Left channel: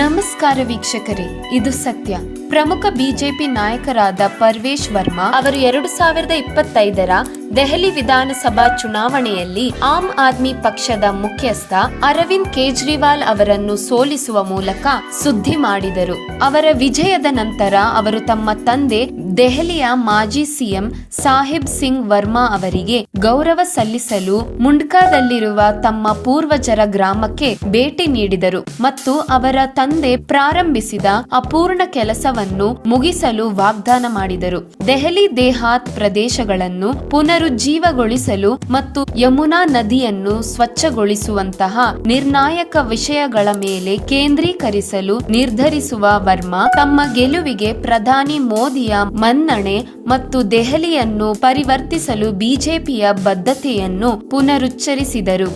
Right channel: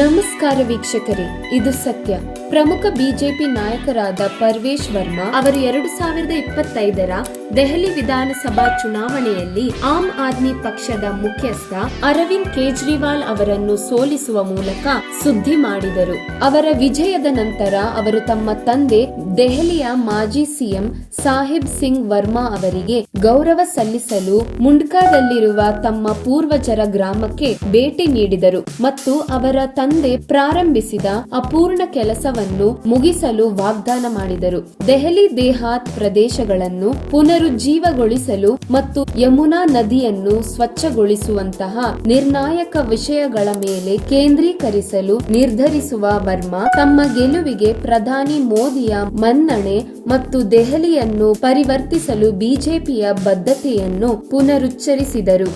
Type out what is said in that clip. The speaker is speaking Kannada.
ನಮಸ್ಕಾರ ವೀಕ್ಷಕರೇ, ಇದು ಸತ್ಯ. ಪ್ರಮುಖ ಬಿಜೆಪಿ ನಾಯಕರಾದ ಪರ್ವೇಶ್ ವರ್ಮಾ ಅವರು 2025ರ ದೆಹಲಿ ವಿಧಾನಸಭಾ ಚುನಾವಣೆಯಲ್ಲಿ ಆಮ್ ಆದ್ಮಿ ಪಕ್ಷದ ಮುಖ್ಯಸ್ಥ ಅರವಿಂದ್ ಕೇಜ್ರಿವಾಲ್ ಅವರನ್ನು ಸೋಲಿಸುವ ಮೂಲಕ ಸುದ್ದಿ ಮಾಡಿದರು. ಅವರ ವಿಜಯದ ನಂತರ ಅವರು ತಮ್ಮ ತಂದೆ ದೆಹಲಿಯ ಮಾಜಿ ಸಿಎಂ ಸಾಹಿಬ್ ಸಿಂಗ್ ವರ್ಮಾ ಅವರಿಗೆ ಗೌರವ ಸಲ್ಲಿಸಲು ಮುಂಡ್ಕಾದಲ್ಲಿರುವ ತಮ್ಮ ಪೂರ್ವಜರ ಗ್ರಾಮಕ್ಕೆ ಭೇಟಿ ನೀಡಿದರು ಮತ್ತು ಅವರ ತಂದೆ ಪ್ರಾರಂಭಿಸಿದ ಅಪೂರ್ಣ ಕೆಲಸವನ್ನು ಮುಗಿಸಲು ವಾಗ್ದಾನ ಮಾಡಿದರು. ದೆಹಲಿ ದೇಹಾತ್ ಪ್ರದೇಶಗಳನ್ನು ಪುನರುಜ್ಜೀವಗೊಳಿಸಲು ಮತ್ತು ಯಮುನಾ ನದಿಯನ್ನು ಸ್ವಚ್ಛಗೊಳಿಸುವಂತಹ ನಿರ್ಣಾಯಕ ವಿಷಯಗಳ ಮೇಲೆ ಕೇಂದ್ರೀಕರಿಸಲು ನಿರ್ಧರಿಸುವ ವರ್ಮಾ ತಮ್ಮ ಗೆಲುವಿಗೆ ಪ್ರಧಾನಿ ಮೋದಿಯ ಮನ್ನಣೆ ಮತ್ತು ದೆಹಲಿಯನ್ನು ಪರಿವರ್ತಿಸಲು ಬಿಜೆಪಿಯ ಬದ್ಧತೆಯನ್ನು ಪುನರುಚ್ಚರಿಸಿದರು.